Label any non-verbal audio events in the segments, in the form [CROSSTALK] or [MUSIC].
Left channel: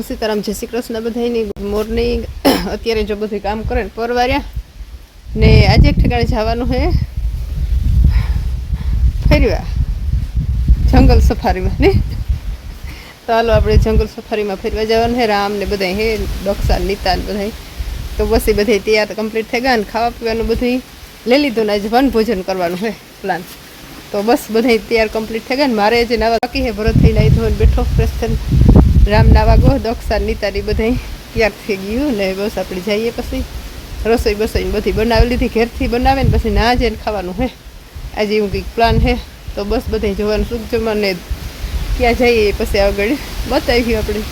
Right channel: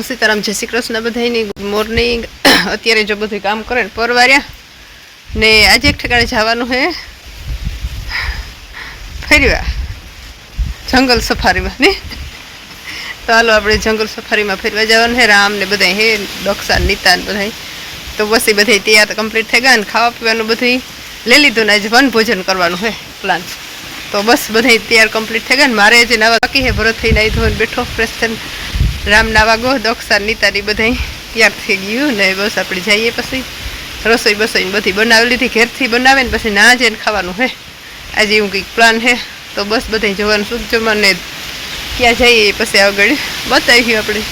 સીતારામ, જય શ્રી કૃષ્ણ બધાની મોર્નિંગ [COUGHS] અત્યારે જો બધું કામ કરે ને પરવાર્યા, ને આજે એક ઠેકાણે જવાનું છે ફેરવા જંગલ સફારીમાં, ને? તો હાલો આપણે જંગલ સફારીમાં ફેરવા જવાનું હે. રામ ને બધા હે દક્ષા નીતા ને બધા તો બસ એ બધા તૈયાર કમ્પ્લીટ થઈ ગયા ને ખાવા પીવાનું બધું લઈ લીધું ને આજે વન ભોજન કરવાનું છે પ્લાન તો બસ બધા તૈયાર કમ્પ્લીટ થઈ ગયા ને મારે જે નવા બાકી હે. ભરત થઈને આવી ધોઈને બેઠો ફ્રેશ થઈને. રામ નાવા ગો દક્ષા નીતાની બધા તૈયાર થઈ ગયું ને બસ આપણે જઈએ પછી. રસોઈ બસોઈ ને બધી બનાવી લીધી, ઘેરથી બનાવે ને પછી ના જઈને ખાવાનું હે. આજે એવું કંઈક પ્લાન હે, તો બસ બધા જોવાનું શું જમવાનું ક્યાં જઈએ પછી આગળ બતાવી આપણે.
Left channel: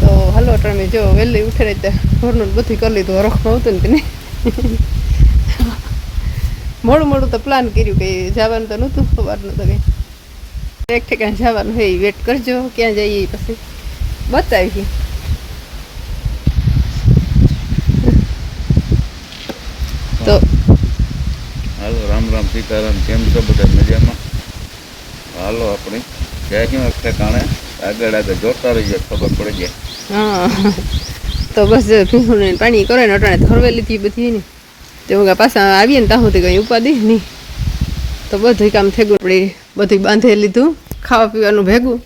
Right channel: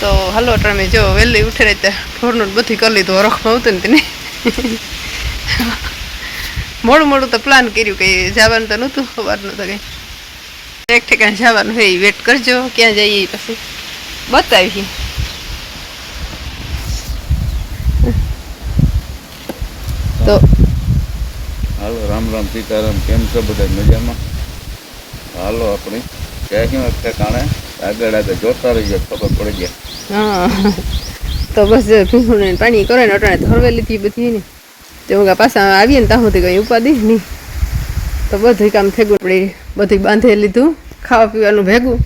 તો હાલો તમે જો વહેલી ઉઠે રહી ત્યાં ઢોરનું બધી કરી લીધું હરખમાં આવતું ને તેને. મોડું મોડું તો પ્લાન કર્યું કે જવાનું તો નહોતું, સવારનું તો કંઈ. એક ઠેકાણે જવાનું હોય વેટ કરજો, ક્યાં જઈએ પછી. બતાવી તો હાલો રામ રામ સીતારામ કેમ છો બધા મજામાં? હાલો આપણે ક્યાંક વખતે કાણે. આગળ આગળ જોતા રહીએ ખબર પડી જાય. હા. તો બસ ભીંગું પાણી કરે ને અટાણે ધરવે લીધી બધી ને. તે હું પાછા આવીએ ને ત્યાં સુધી કંઈ ઉપાધિ નહીં. તો બધું કામ થઈ ગયું આપણે બધું બાંધી લીધું ખાવા પીવાનું ભેગું.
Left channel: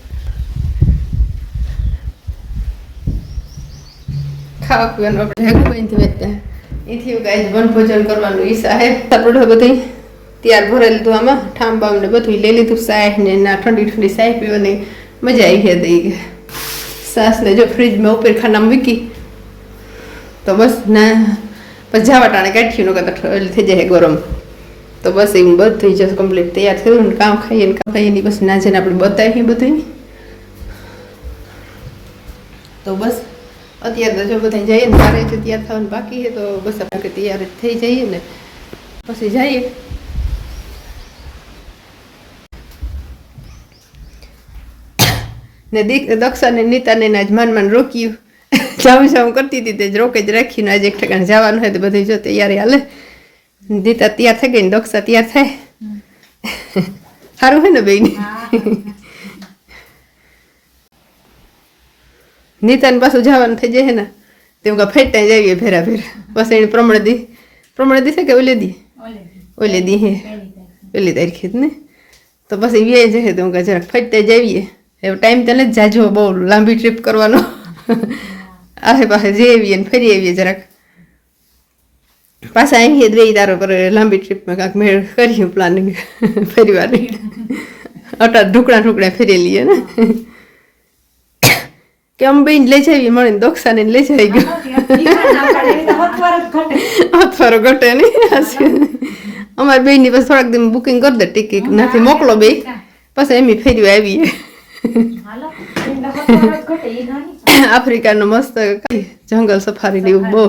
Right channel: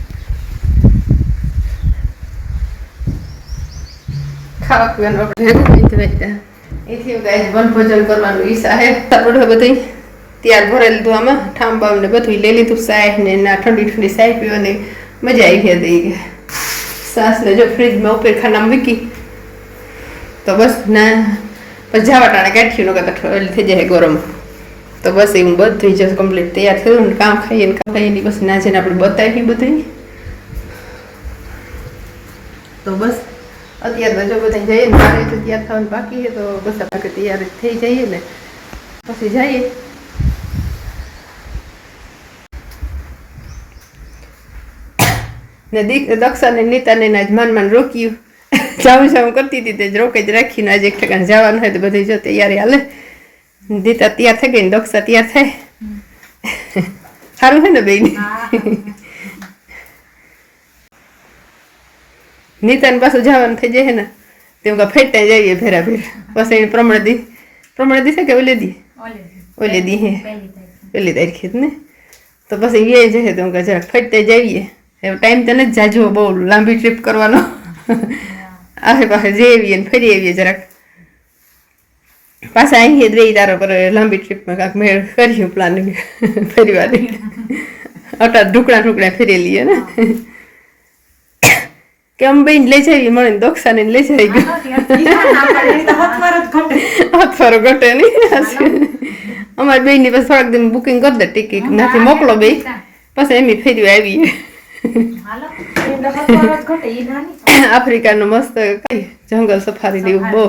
ખાવા પીવાનું આપણે ભેગું અહીંથી વેચતા અહીંથી કાંઈ વનભોજન કરવાનું ઈચ્છા હે આપણે બધું તૈયાર ભરાઈ લીધું આમાં ઠામ બામ ને બધું લઈ લીધું સાય ને ના ઠંડી ઠંડી સાય પીવાની મજા આવી હતી સાસને જો ફ્રીજમાં ઉપર ખાનામાં મૂકી તો બસ ના પછી જાવા ટાણે કાઢ્યું નકર તો ઠ- થઈ જાય ગરમ તો બસ એવું બધું જ કમ્પ્લીટ તૈયાર થયું ને કામ ખાઈએ ને કામ ખાઈએ ને પછી ના જઈને આપણે બતાવીએ બધું તો બસ અત્યારે તો જો બધા જઈએ ને મારે તો તૈયાર થવાનું બાકી છે તો બસ આપણે તૈયાર જ થઈ જઈએ ને પછી જઈએ ને દીક દક્ષાને નીતાને આજ માન માન રોક્યું જાવું જાવું કરતી હતી તે જ રોકે જ રાખીને આજે એક ઠેકાણે જવાનું હોય તો બધું જો તૈયારી હાલે દીતા તૈયાર થઈ ગઈ ને દક્ષા તૈયાર થાય સારું હોય ને બેન નીતાને પાછું જવાનું થઈ જાય ને તેમ કે ફેરતા જઈએ ભેરા ભેરા. બસ એને પ્રમાણે દી. પ્રમાણે દી છે કે ઓલે દી? ઓલે દી હે. પેલી તારીખે જ ને. તો પછી વ્યાય જશે તો કે જરાક ફરતે જઈએ હવે ટાઈમ તો નથી જાજો બહુ લાંબી ટ્રીપ કરવાનો. આસે પાસે જઈએ ને ફરી આવીએ જરાક. પાછા અહીં રહી તારો પર લાંબી ટ્રીપમાં કાંક મેળ કર્યું પ્લાનિંગ ફરી વાર અટા ઢુકડા ઢુકડા ફેરી લઈએ ને. કે અમે બેન લઈ જઈએ મળીને દોક્ષાને લઈ જઈ ગયો અથવારો ઘટે. નહીં. અમારી બેનની પછી થોડાક દિન બુકિંગ કરી દે ટિકિટ નાથી મોકલો બે પછી એમ ફેરી આવીએ. આફ્રિકાનું મસ્ત જંગલ સફારી એવું બહુ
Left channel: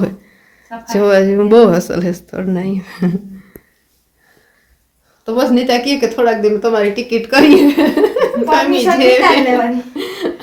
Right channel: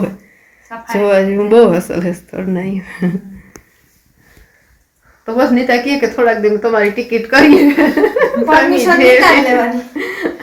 જોવા જેવું બહુ અસલ હે સ્થળ નહીં તો બસ નીતા કહે કે થોડાક દિવસ તમારી ટિકિટ કરીએ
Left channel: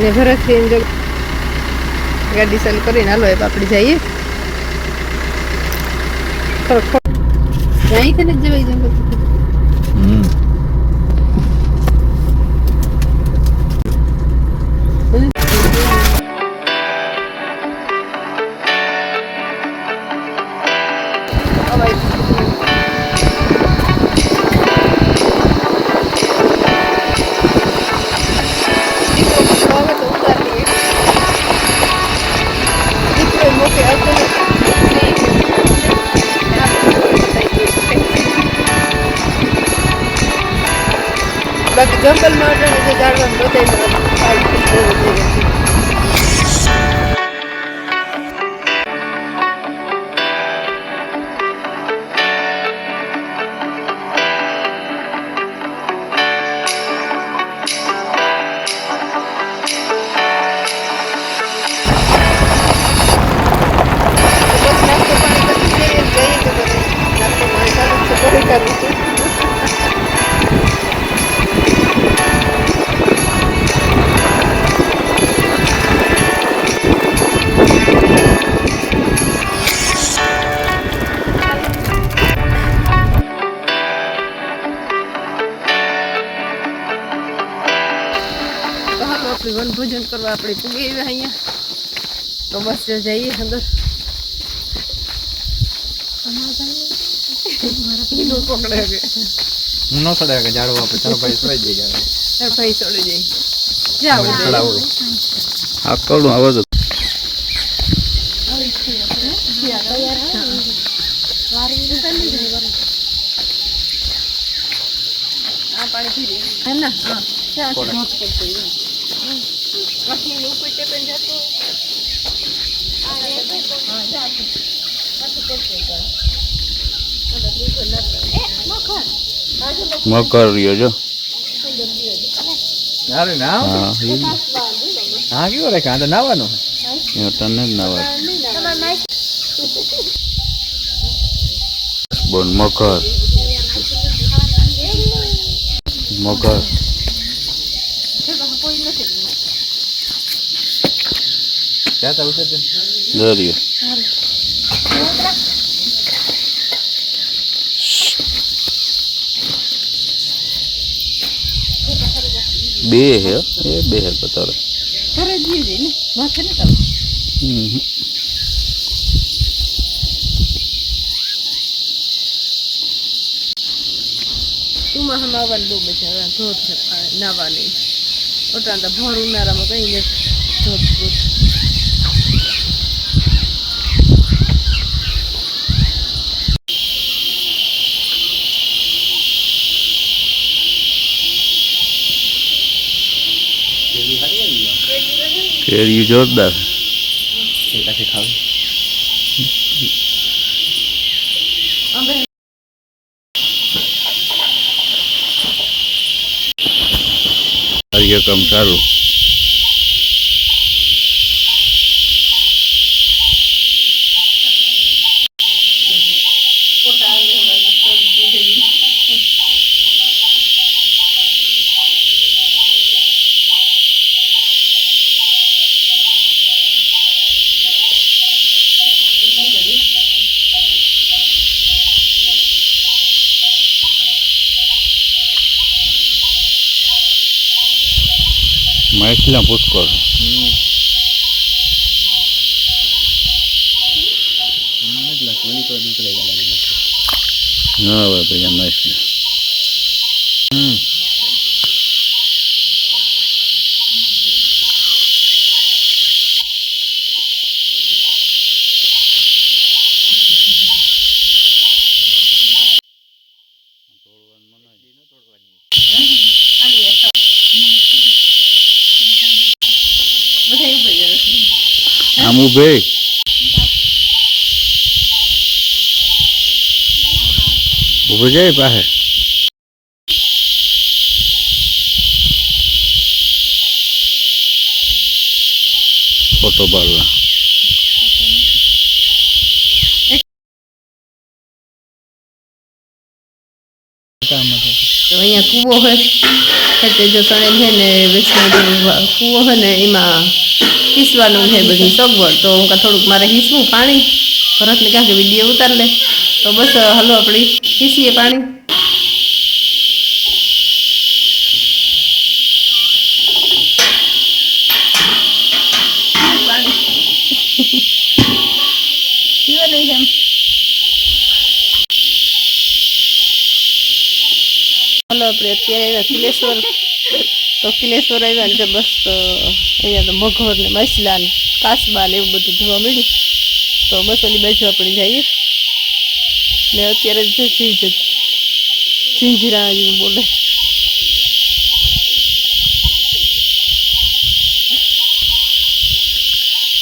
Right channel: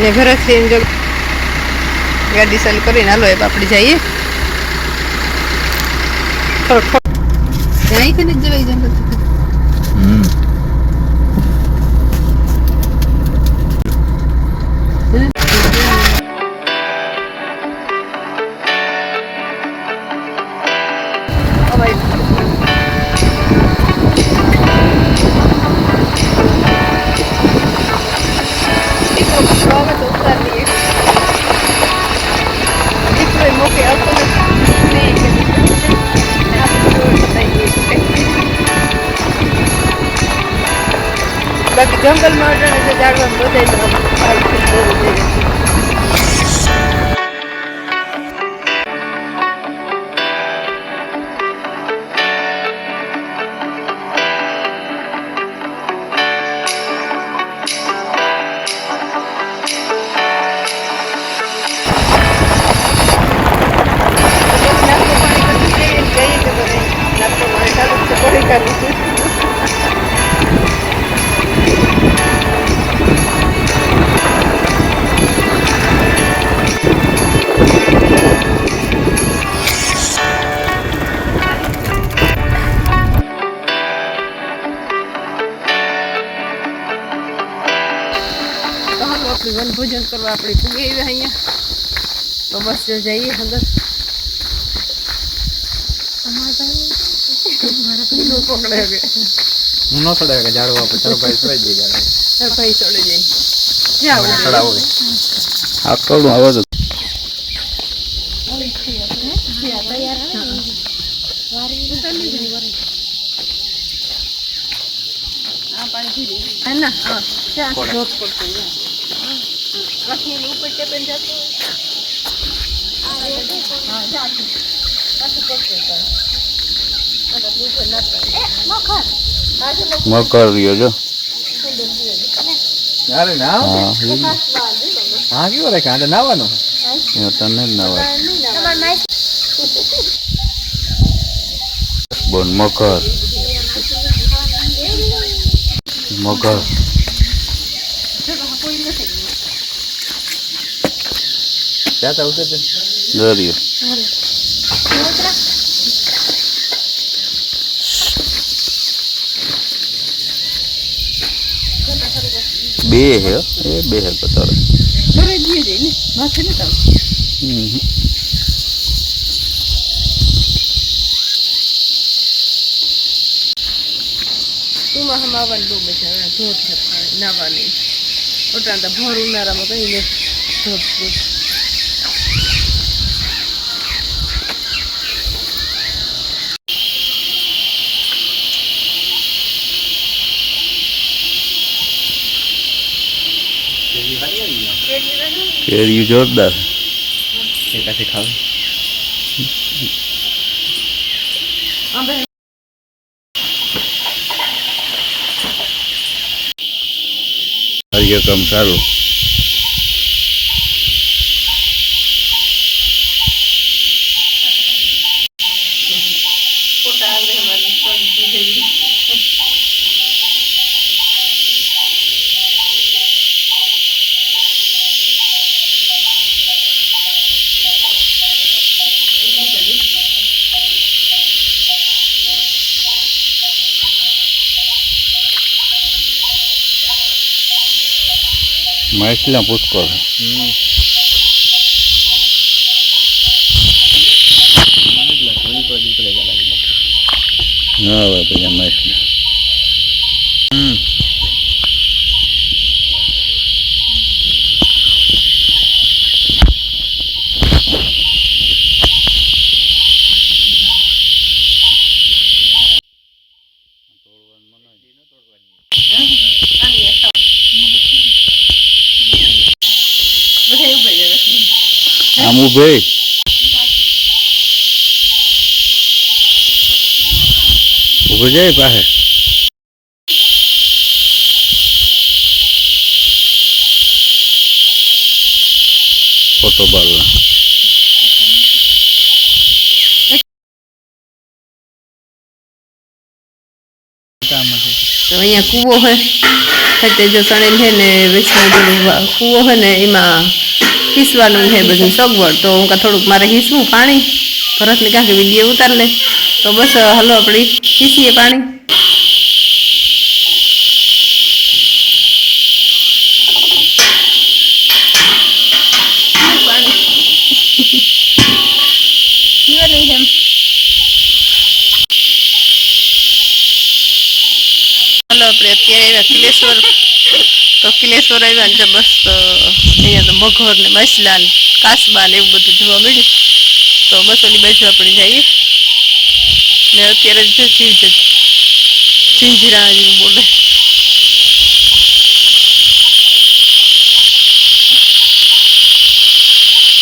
ને ભરત થઈને જો ગાડી ચાલુ કરીને હાલો, એ આપણે જઈએ. થોડુંક થોડુંક ત્યાં કે નથી જવાય જંગલ? જંગલમાં અટાણે જે ઝાડવાનું બધાય કરવા આપણે પૂગી આવ્યા અહીંયા તો બસ જો જઈએ અંદર ઈનો પકડે હવે. હું ન ચડે કે ઝાડવા પર તારો ભાઈ ચડાઈ દે ઝાડવા તાર ભાઈ ચડી જાય જાઓ ચડાવો આ કડું અવાજ હે ના હા ત્યાં ધોધ પડતો હોય. કઠીની ઉપર ટેપે જતો હા, જાતું. પાછું. મકર. રહ્યો જો. અરે ના હા હા કેવો રાખે? આ તો નાવાનું તને જ નવા બોન મકર. [LAUGHS] મકર. ત્યાં તો ઉતર દરિયો બે હે હો. એ બે હે પતાડે ઘરે જ જઈએ ને માથે ને તમે હમ. ઉમાં આવવાની બહુ મજા આવે ધોધ છે પાણી નાવાની ઓટાણ તો ભર ઉનાળામાં કઈ ને ધોધ ધોધ કેરીયું જોરદાર. કાર્યક્રમ ચાલુ માછલા પુષ્કળ ના આવે પછી માછલા. હમ. જાય આમ ઉભે ઉભો જાય પાસે ફોટો પાડલા તો અહીંયા કૂવો હોય એટલે જો તણેલ છે ને વેચમાં પેલું વા- કૂવો હોય ને એમાં હીસવાનું છે બધું સગવડ તો હું કાં થોડુંક મારે હીસવું પાણી ભરતને કાંક વિડીયો ઉતાર લે તો બસ હાલો આપણે હીસીએ પાણી પીવાનું છે એમ હાલો આપણે અત્યારે આવ્યા કિલેશ્વર તો કિલેશ્વર આવ્યા ને બસ અહીંયા તો મગર ને મસલા ને કાસબા ને એવું બધું જોવા મળ્યું. તો બસ ઓલી બાજુ આપણે જઈએ. ને અત્યારે જો જીવ જ ઝીંઝરા જેવું બોલે.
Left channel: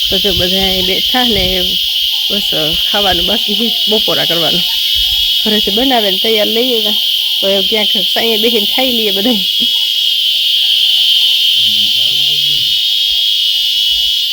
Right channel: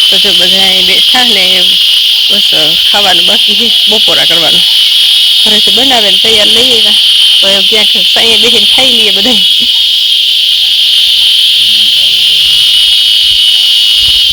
તો જો બધા બેઠા ને બસ ખાવાનું બાકી બપોરા કરવાનું. ઘરેથી બનાવે ને તૈયાર લઈ આવ્યા. તો ક્યાંક સાંઈએ બેસીને ખાઈ લઈએ બધા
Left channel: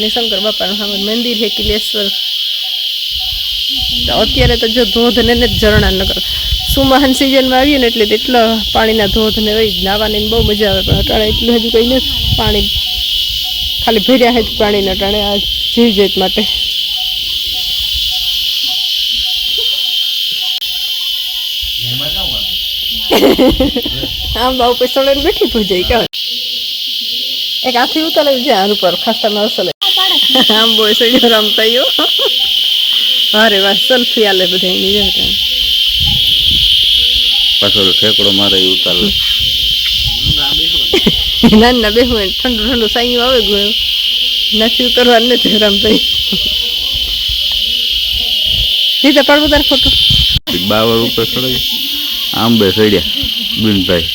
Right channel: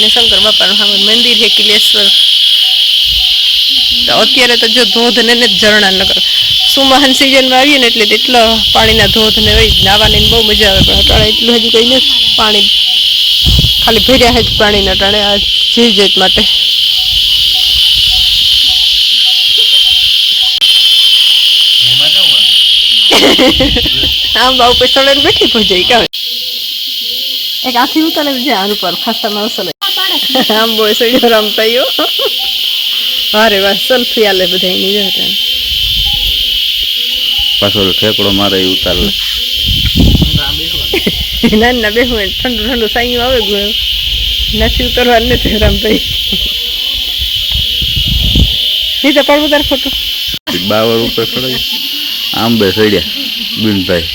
ને શંકર બાપાનું સામે મંદિર છે કિલેશ્વર. અત્યારે તો જો ધોધ ને ઝરણા નગર સુમહાન સિઝનમાં આવીએ ને એટલે એટલો પાણીના ધોધ ને હોય નાવાની બહુ મજા આવે, પણ અટાણે એટલું હજુ કંઈ નથી. પાણી ખાલી ભર્યા જ પાણીના અટાણે આ જીવ જીત માટે. આંબા ઉપર પૈસા ને બેઠી પૂજાઈ કાવે એક આથી ઉતારે છે, આની પર ખાસા માણસો લે આંબો સડ્યો રમતા યો અરે વાહ સેલ્ફી આલે બધા એની જોડે પાછો ઠેકડો મારે ઉતાર ના ના બે હું ઠંડુ ઠંડુ સાયું આવે ગયું નથી ઉતરવા નથી રામભાઈ નહીં પડવું તાર ફોટો બાવર ઉપર ચડાવી આંબે સડ્યા બિનભાઈ.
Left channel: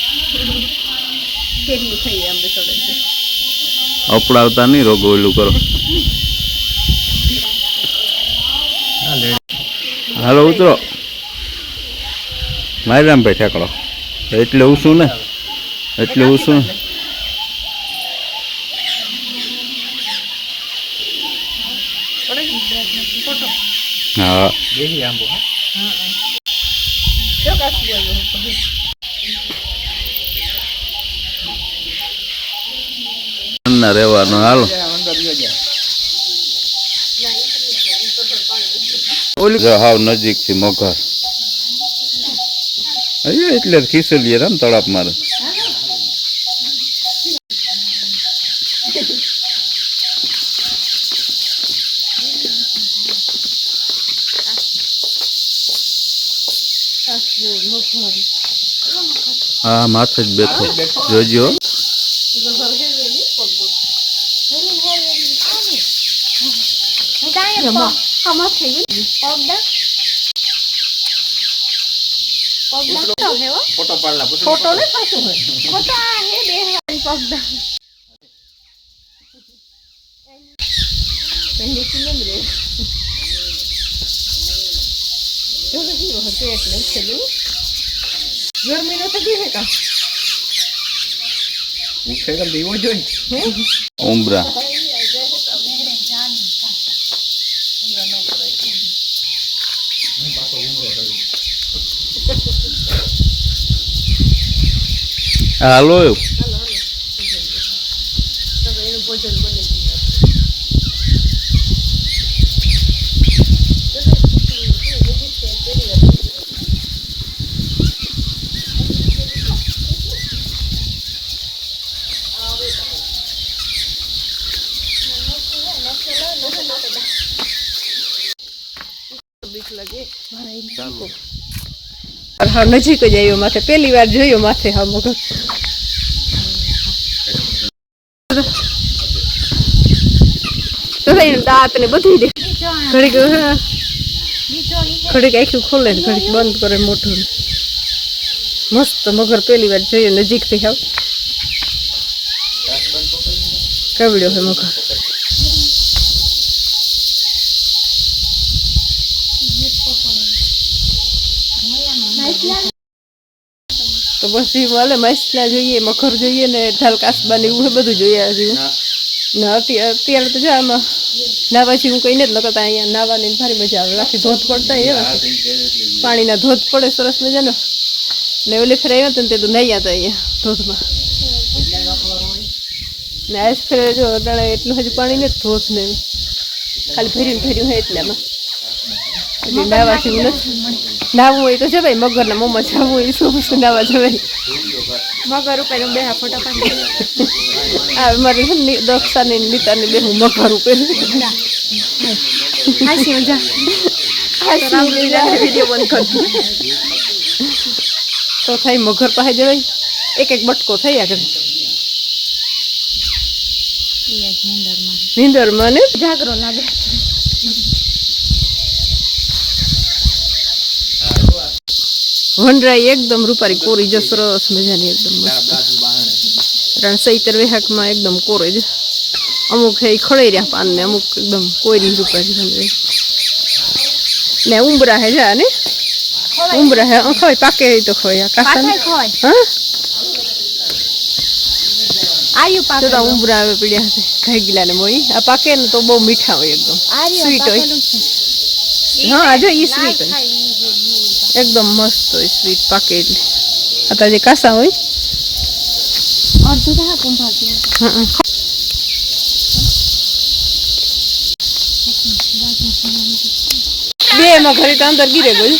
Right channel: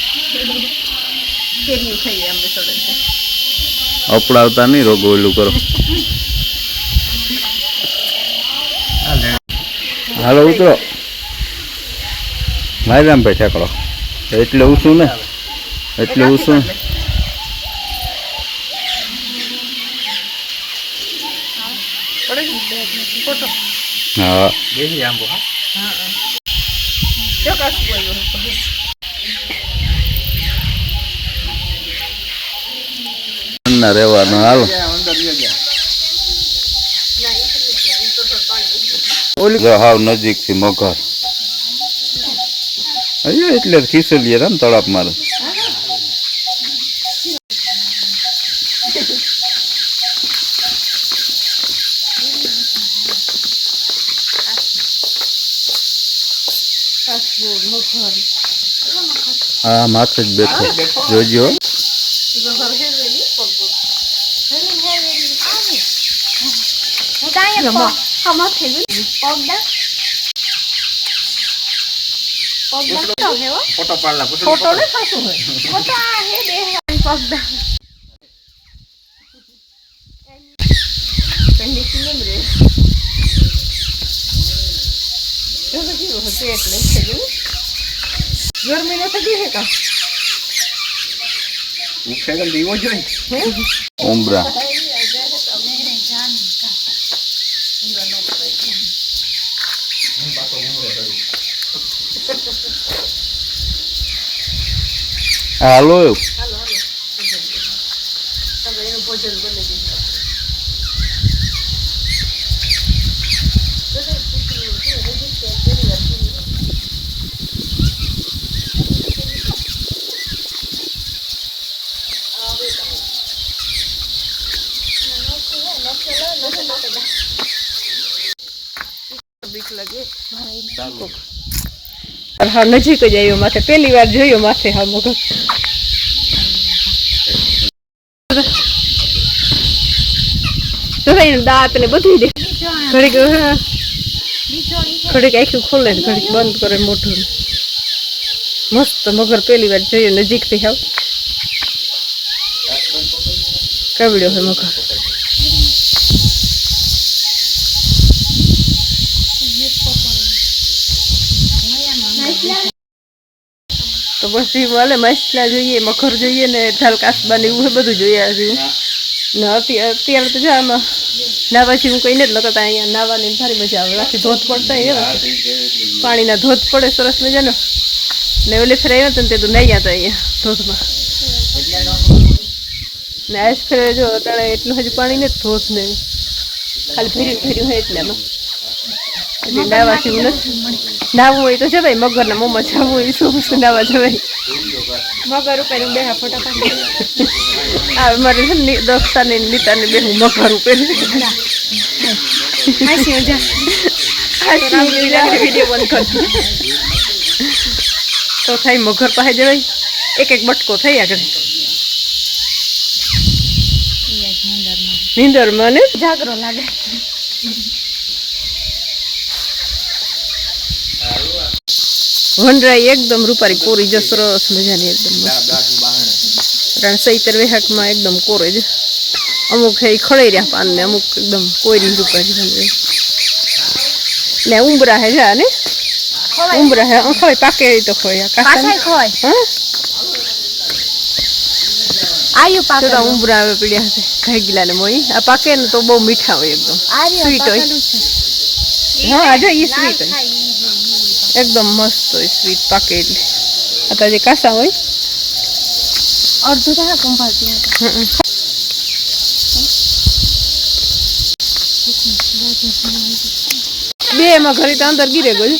અપડાવતા નહીં રોગો ઓલું કરો. હાલો ઉતરો. મારી રામભાઈ ઠેકડો એટલે ઊંચું ને? એટલે હા. આંબો હા રહેવાનું હાલો. ઓલી જો હાવ નજીક થી મગર અહીંયા એટલે ખીસલીએ ને તળાપ મારે કાસુ મગર હા માથે જ બેઠો જોજો મગર હેરવેલી પગ ફોટો પાડલા પૂછો ફોટો ને પાછું હોય પહેલી ફિલ્મ રે કેવું હશે એટલે છેલ્લું ગરમીનો તો બી હે કા ઉઠે દીવો જોઈ ઉમરા Alô? હા, નજીક જ આવ્યો માથે. પહેલી વાર જોયો માથે હા, મગર. દાંત ને બધું દે. ઘડીક ઘડીક આખું ખોલે ને ઘડીક બંધ કરે મોઢું. મસ્ત મગર પહેલી વાર જોયો, નજીકથી હાવ કવડ્યો હે મગર? તો બસ એ મળે માછલા જોઈએ મગર જોઈએ ને ઢાલ કાસબા ને એવું બધું જોઈએ હજુ ને અત્યારે અત્યારે તો જો આમાં નાવાથી હું કહીને જ લગતા અહીંયા નાવાની સારી મજા આવે રાખી ધોધ પડતા અહીંયા પાણીના ધોધ પડે સરસ મજાનો ને ઓલી ફેર આવ્યા હતા ને તે તો નહીં હતા અહીંયા ધોધમાં ને આજ ફેર જો અટાણે એટલું હજુ પાણી ને ધોધ ને ખાલી ભેર્યું ભેર્યું હોય એટલામાં એટલે નાવાથી હું નથી નાવું હોય તો જવાય મગરના મોમાં જવું હોય શું શું નાવા જવાય? મગર ઉપર બે ફોટા પાડી આ મારે છે ને દક્ષા ને નીતાને બે હું મગર ઉપર. તો થાય મગર પાસે જવાય? એક એક બટકો થઈ આગળ. નીંદરમાં ને? જાગરો લાગે. વનરાઈ એકદમ રૂપારી કોરી જો સરસ મજાની એકદમ મસ્ત. કારણ સૈતર વેહાકમાં એકદમ કોરે જ. અમુક એ ખડે રહ્યા પાન ને અમુક એકદમ કોરી રૂપારી વનરાઈ ને ઉંબરા હે જા ને? ઉંબરા હે ખોય પાકે તો ખોય પાછળ ખોય હા? આયુ તો તો ઉંબરા આવે પીડ્યા છે ગયેલા ને મોઈ. આ પાકે ને તો બહુ મીઠા હોય એકદમ. સ્વીટ હોય. હા આજે ઈ સ્વીટ હોય. એકદમ મસ્ત હોય સ્વીટ પાકે એટલે આ જે કાસા હોય અડધું થાય હમ. બે એમાં ઘરે તો અંદર ગીરે ગયું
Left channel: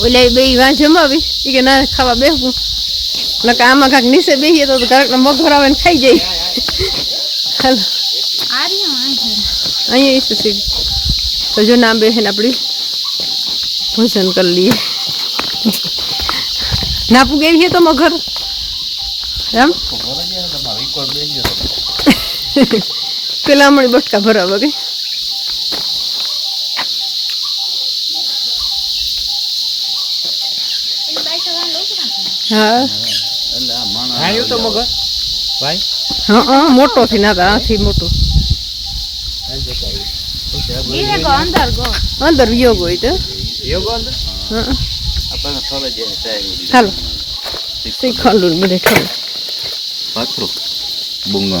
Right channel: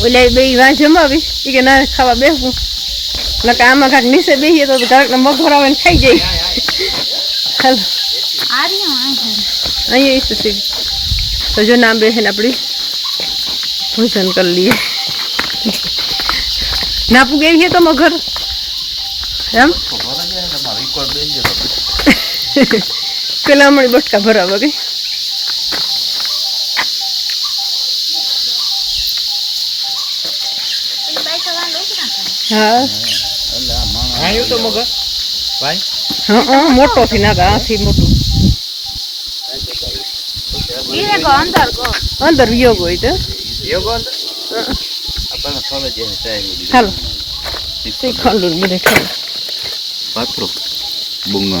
ઓલા બે વાં જમાવી એ કે ના ખાવા બેસવું નકર આમાં કાંક નીચે બેસીએ તો ઘરાક મગર આવે ને ખાઈ જાય હાલો અહીંયા ઈ છે સીડી તો જો ના બેસે ને આપણી ભોજન કરી લઈએ ના પૂગે છે તો મગર એમ પેલા હમણાં બટકા ભરાવા ગઈ હા આયું તો મગર ભાઈ હા હા મોટો થી ના આથી મોટું ધીરે ગો અંદર ગો અંદર યોગ હોય તો. યોગો અંદર? હા. આપણને ખબર છે ને સાહેબ. હાલો. શ્રીખંડ બધે ખાવ પાત્રો bunga